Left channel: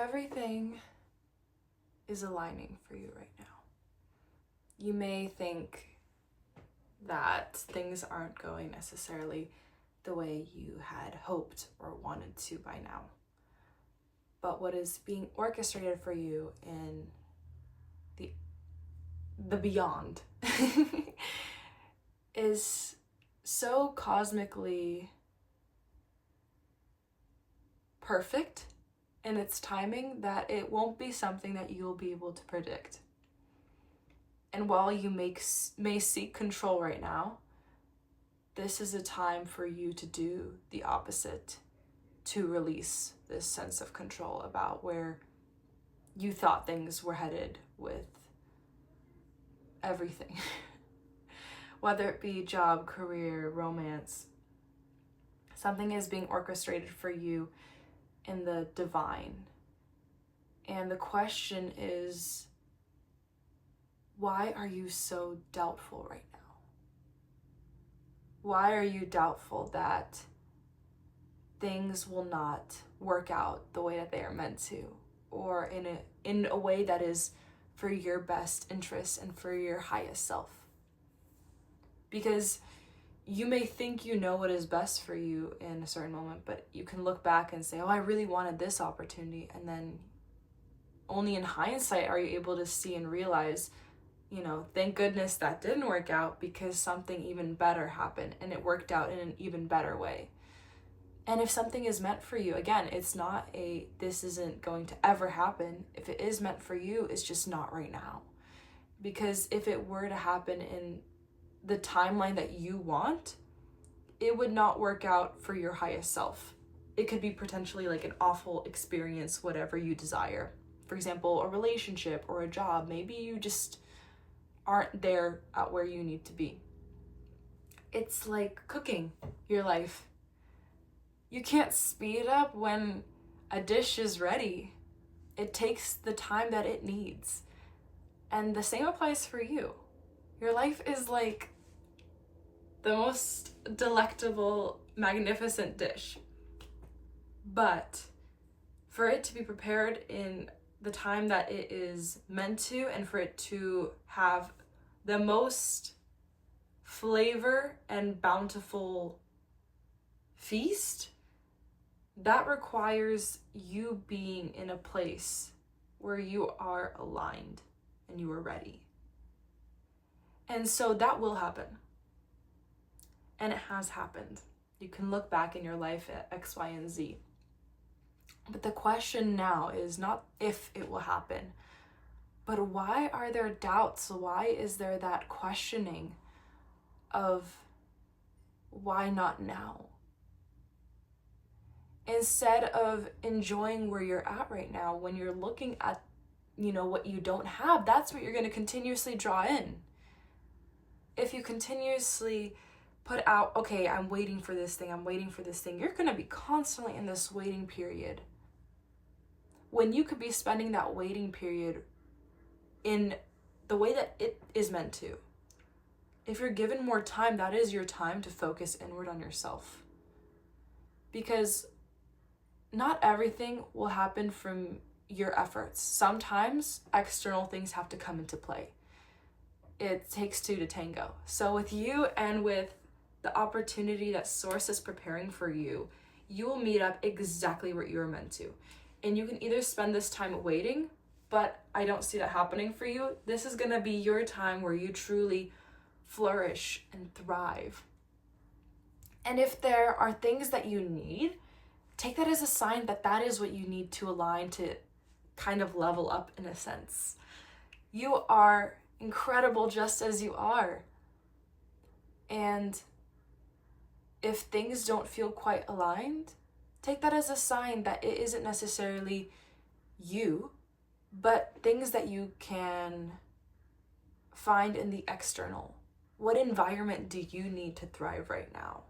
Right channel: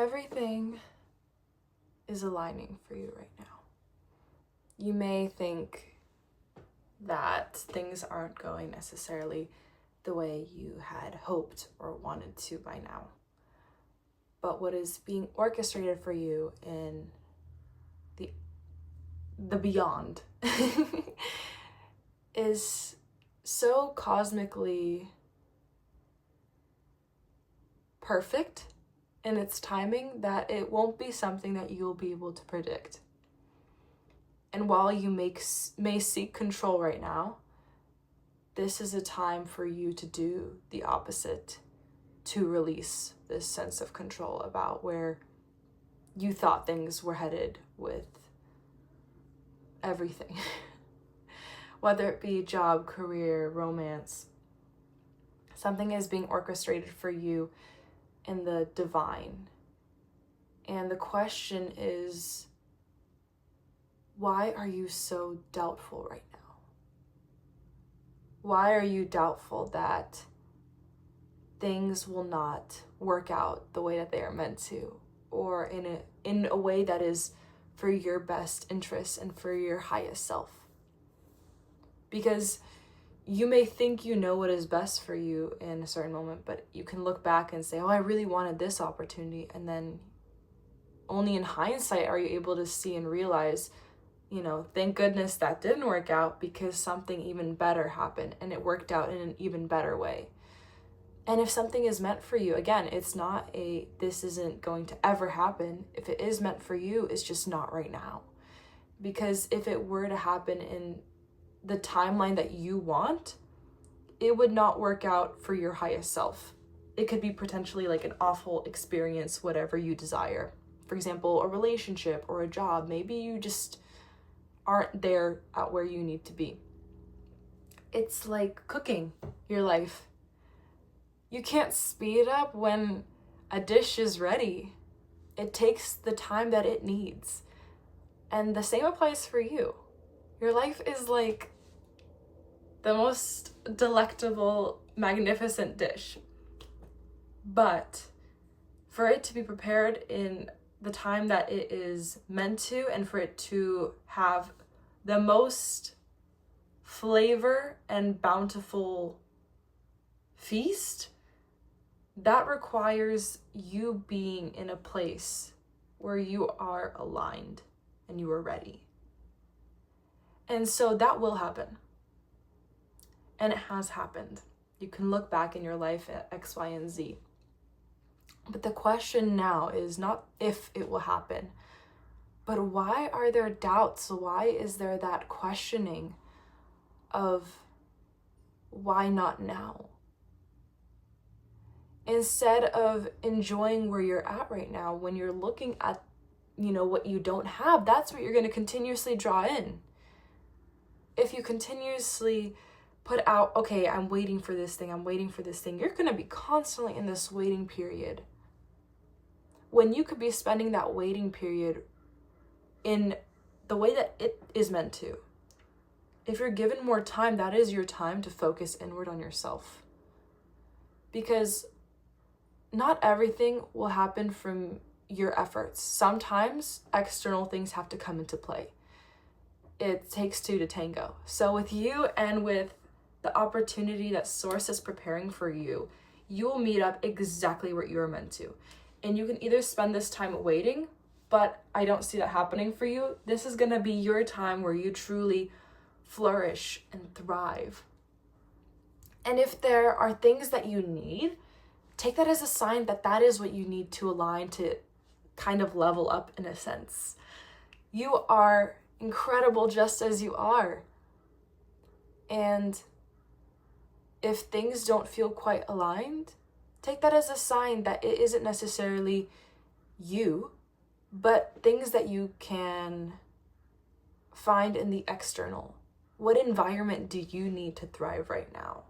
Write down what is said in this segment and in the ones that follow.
everything is aligning for you right now. You may think that things aren't going necessarily the way you had hoped or wanted to by now. But what is being orchestrated for you in the beyond is so cosmically perfect in its timing that it won't be something that you'll be able to predict. And while you may seek control right now, this is a time for you to do the opposite, to release this sense of control about where you thought things were headed with everything. Whether it be job, career, romance, something is being orchestrated for you in the divine. And the question is, why are you so doubtful right now? Why are you doubtful that things will not work out the way that they are meant to, or in a way that is for your best interest and for your highest self? Because you may think you know what is best for you in a certain moment, but you can look back and say, oh, I really wanted this opportunity. And then only in hindsight are you able to see and realize, thank goodness that didn't work out, because something even better happened and it worked out in an even better way. And if something is meant for you, again, it's not this isn't going to ever happen. If it is meant for you, it's just not right now. Because if it were to happen in the timeline that you want, it would not work out for your highest self. It could be potentially like an awful experience, whatever you desire. For example, a relationship or a job. Maybe you just aren't there at where you need to be. It's like cooking your life. You can't speed up when a dish is ready. It takes the time that it needs. And the same applies for you. Your life is like the most delectable, magnificent dish. But for it to be prepared in the time that it is meant to, and for it to have the most flavor and bountiful feast, that requires you being in a place where you are aligned and you are ready. And so that will happen. And it has happened. You can look back in your life at X, Y, and Z. But the question now is not if it will happen, but why are there doubts? Why is there that questioning of why not now? Instead of enjoying where you're at right now, when you're looking at, what you don't have, that's what you're going to continuously draw in. If you continuously put out, okay, I'm waiting for this thing, you're going to be constantly in this waiting period. When you could be spending that waiting period in the way that it is meant to. If you're given more time, that is your time to focus inward on yourself. Because not everything will happen from your efforts. Sometimes external things have to come into play. It takes two to tango. So with you and with the opportunity that Source is preparing for you, you will meet up exactly where you are meant to. And you can either spend this time waiting, but I don't see that happening for you. This is going to be your time where you truly flourish and thrive. And if there are things that you need, take that as a sign that that is what you need to align to kind of level up in a sense. You are incredible just as you are. And if things don't feel quite aligned, take that as a sign that it isn't necessarily you, but things that you can find in the external. What environment do you need to thrive right now?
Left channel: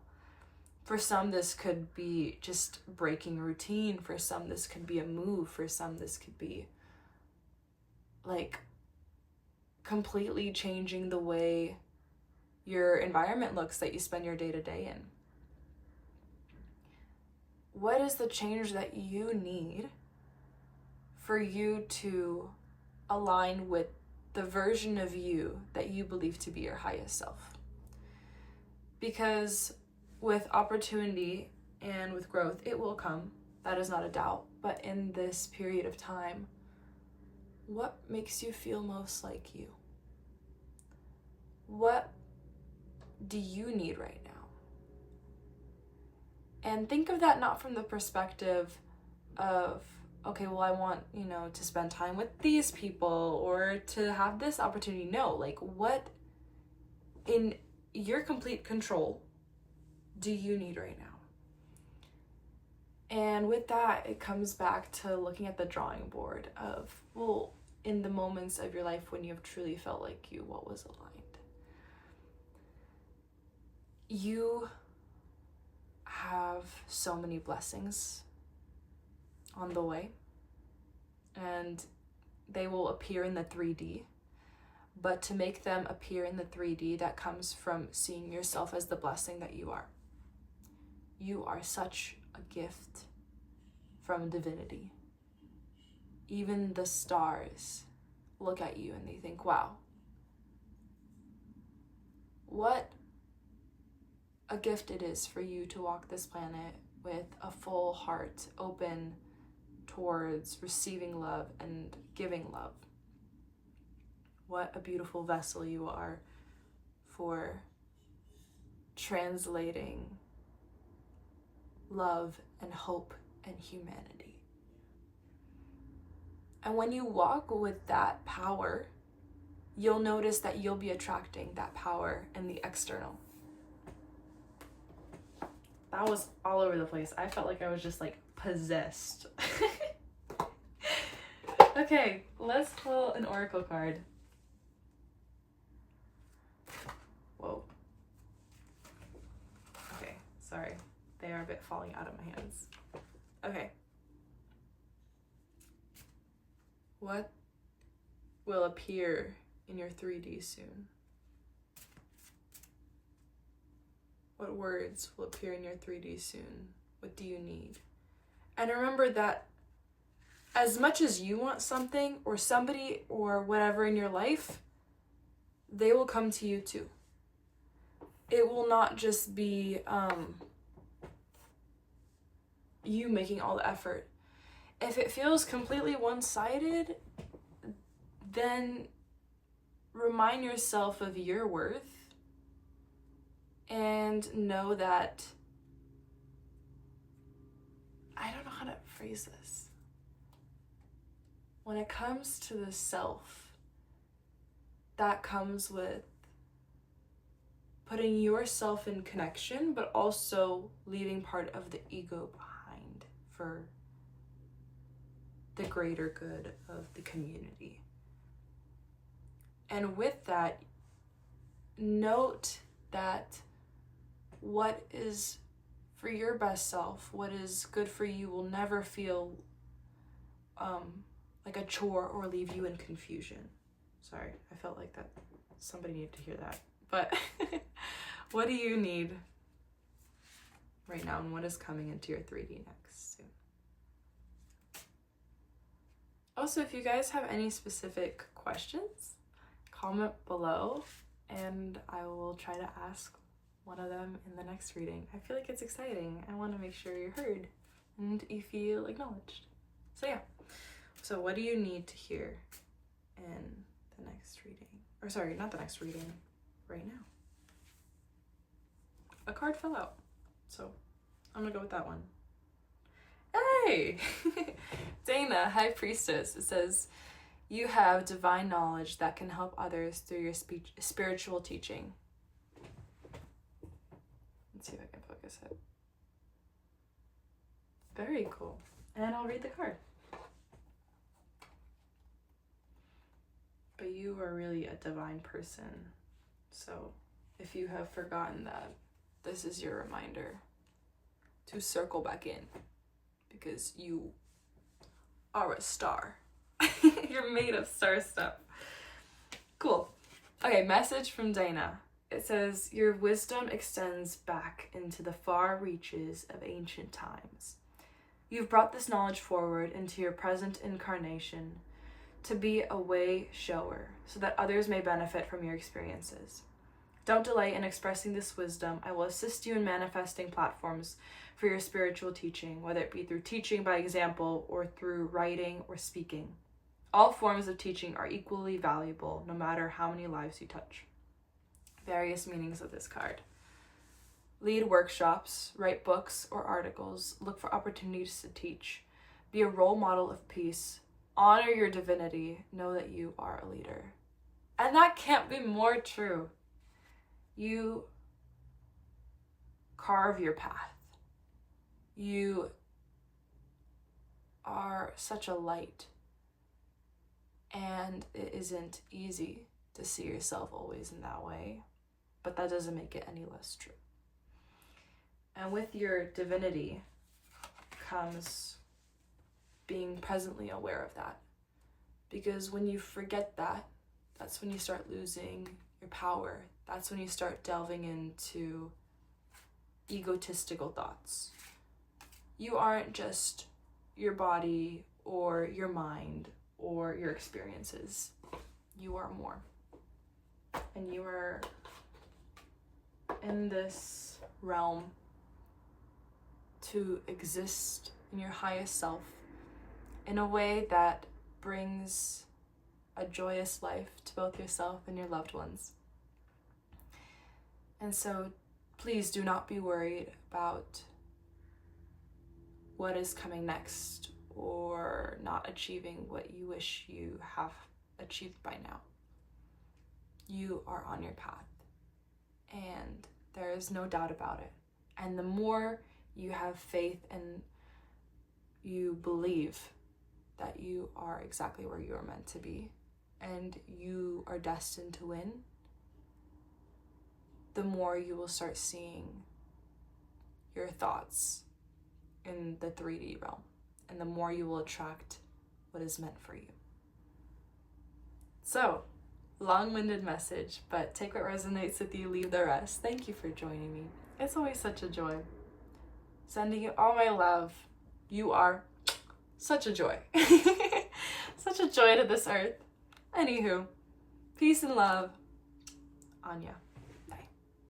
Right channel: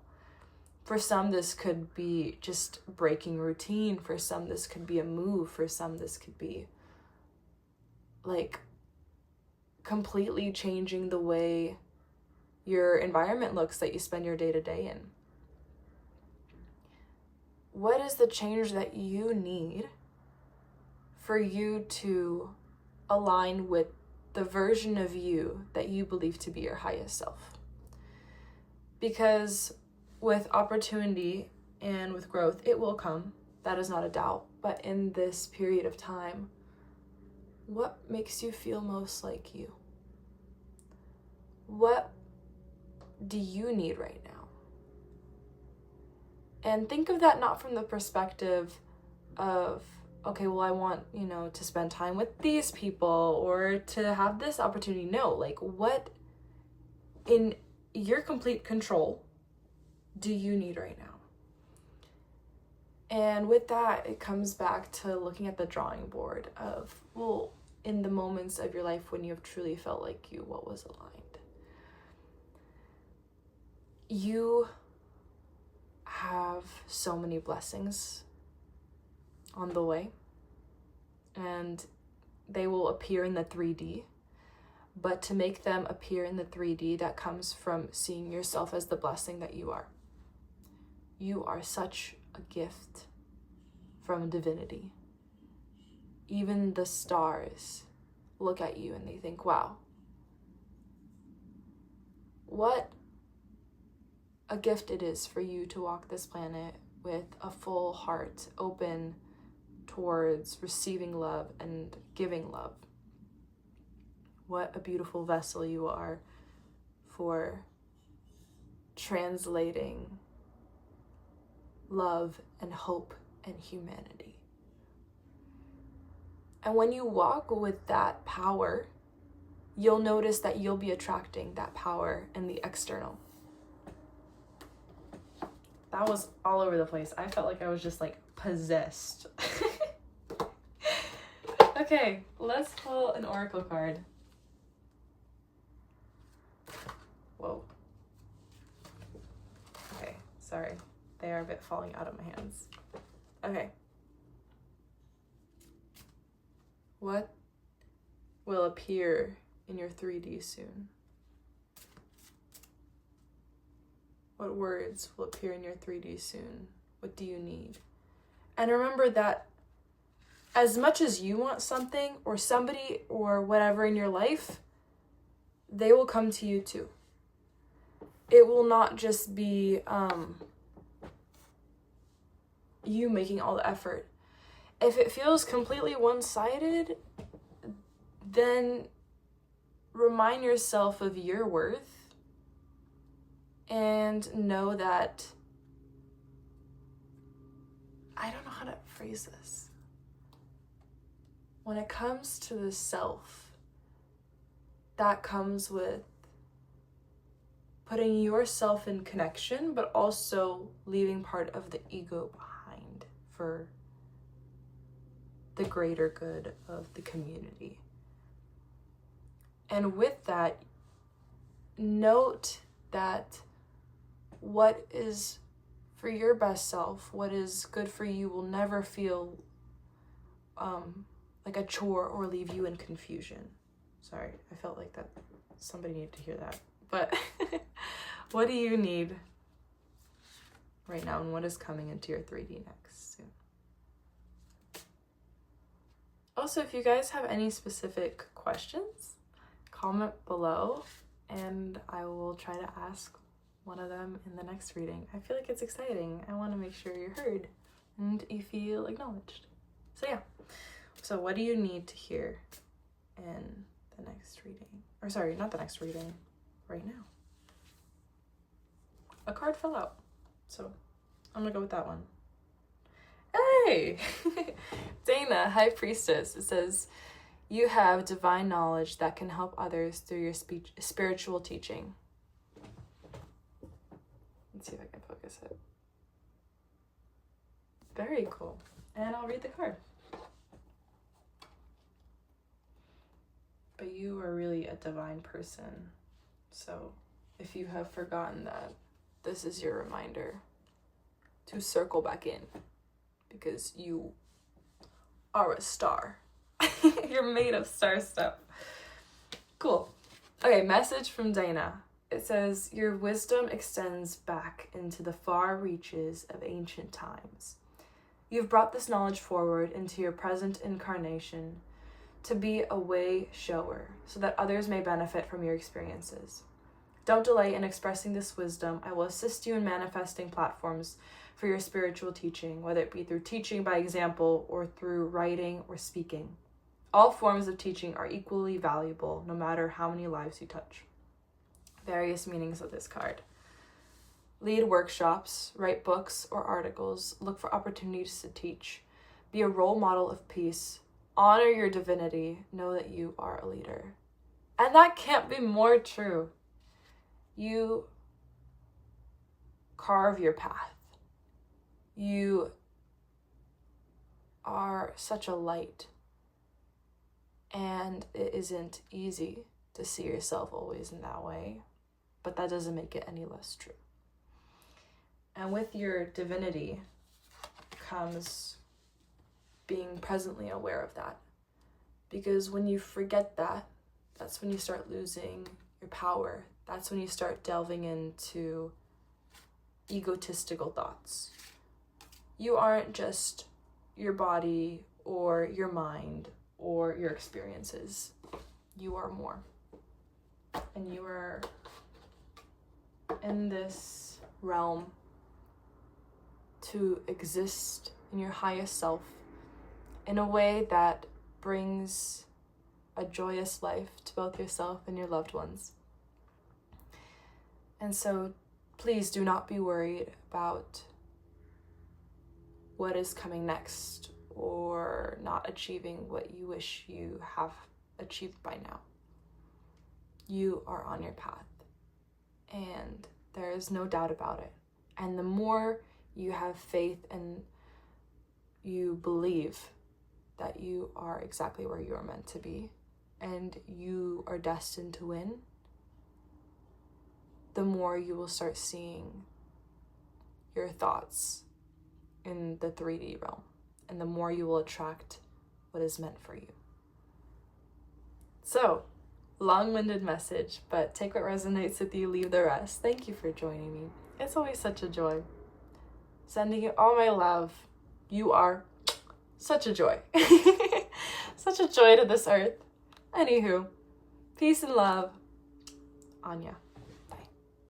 For some, this could be just breaking routine. For some, this could be a move. For some, this could be like completely changing the way your environment looks that you spend your day-to-day in. What is the change that you need for you to align with the version of you that you believe to be your highest self. Because with opportunity and with growth, it will come. That is not a doubt. But in this period of time, what makes you feel most like you? What do you need right now? And think of that not from the perspective of, okay, well, I want, to spend time with these people or to have this opportunity. No, like, what in your complete control do you need right now? And with that, it comes back to looking at the drawing board of, well, in the moments of your life when you have truly felt like you, what was aligned? You have so many blessings on the way, and they will appear in the 3D. But to make them appear in the 3D, that comes from seeing yourself as the blessing that you are. You are such a gift from divinity. Even the stars look at you and they think, wow, what a gift it is for you to walk this planet with a full heart open towards receiving love and giving love. What a beautiful vessel you are for translating love and hope and humanity. And when you walk with that power, you'll notice that you'll be attracting that power in the external. That was all over the place. I felt like I was just like possessed. Okay, let's pull an oracle card. Whoa. Okay, sorry. They are a bit falling out of my hands. Okay. What will appear in your 3D soon? What words will appear in your 3D soon? What do you need? And remember that as much as you want something or somebody or whatever in your life, they will come to you too. It will not just be you making all the effort. If it feels completely one-sided, then remind yourself of your worth and know that, I don't know how to phrase this. When it comes to the self, that comes with putting yourself in connection, but also leaving part of the ego behind for the greater good of the community. And with that, note that what is for your best self, what is good for you, will never feel like a chore or leave you in confusion. Sorry, I felt like that somebody needed to hear that. But what do you need right now, and what is coming into your 3D next soon? Also, if you guys have any specific questions, comment below and I will try to ask one of them in the next reading. I feel like it's exciting. I want to make sure you're heard and you feel acknowledged. So yeah. So what do you need to hear in the next reading? Or sorry, not the next reading, right now. A card fell out, so I'm gonna go with that one. Hey! Dana, High Priestess. It says, you have divine knowledge that can help others through your spiritual teaching. Let's see if I can focus it. Very cool. And I'll read the card. But you are really a divine person. So if you have forgotten that, this is your reminder to circle back in, because you are a star. You're made of star stuff. Cool. Okay, message from Dana. It says, your wisdom extends back into the far reaches of ancient times. You've brought this knowledge forward into your present incarnation to be a way shower so that others may benefit from your experiences. Don't delay in expressing this wisdom. I will assist you in manifesting platforms for your spiritual teaching, whether it be through teaching by example or through writing or speaking. All forms of teaching are equally valuable, no matter how many lives you touch. Various meanings of this card. Lead workshops, write books or articles, look for opportunities to teach. Be a role model of peace. Honor your divinity. Know that you are a leader. And that can't be more true. You carve your path. You are such a light. And it isn't easy to see yourself always in that way, but that doesn't make it any less true. And with your divinity comes being presently aware of that. Because when you forget that, that's when you start losing your power. That's when you start delving into egotistical thoughts. You aren't just your body or your mind or your experiences. You are more. And you are in this realm to exist in your highest self in a way that brings a joyous life to both yourself and your loved ones. And so please do not be worried about what is coming next or not achieving what you wish you have achieved by now. You are on your path, and there is no doubt about it. And the more you have faith and you believe that you are exactly where you are meant to be and you are destined to win, the more you will start seeing your thoughts in the 3D realm, and the more you will attract what is meant for you. So, long-winded message, but take what resonates with you, leave the rest. Thank you for joining me. It's always such a joy. Sending you all my love. You are such a joy. Such a joy to this earth. Anywho, peace and love. Anya.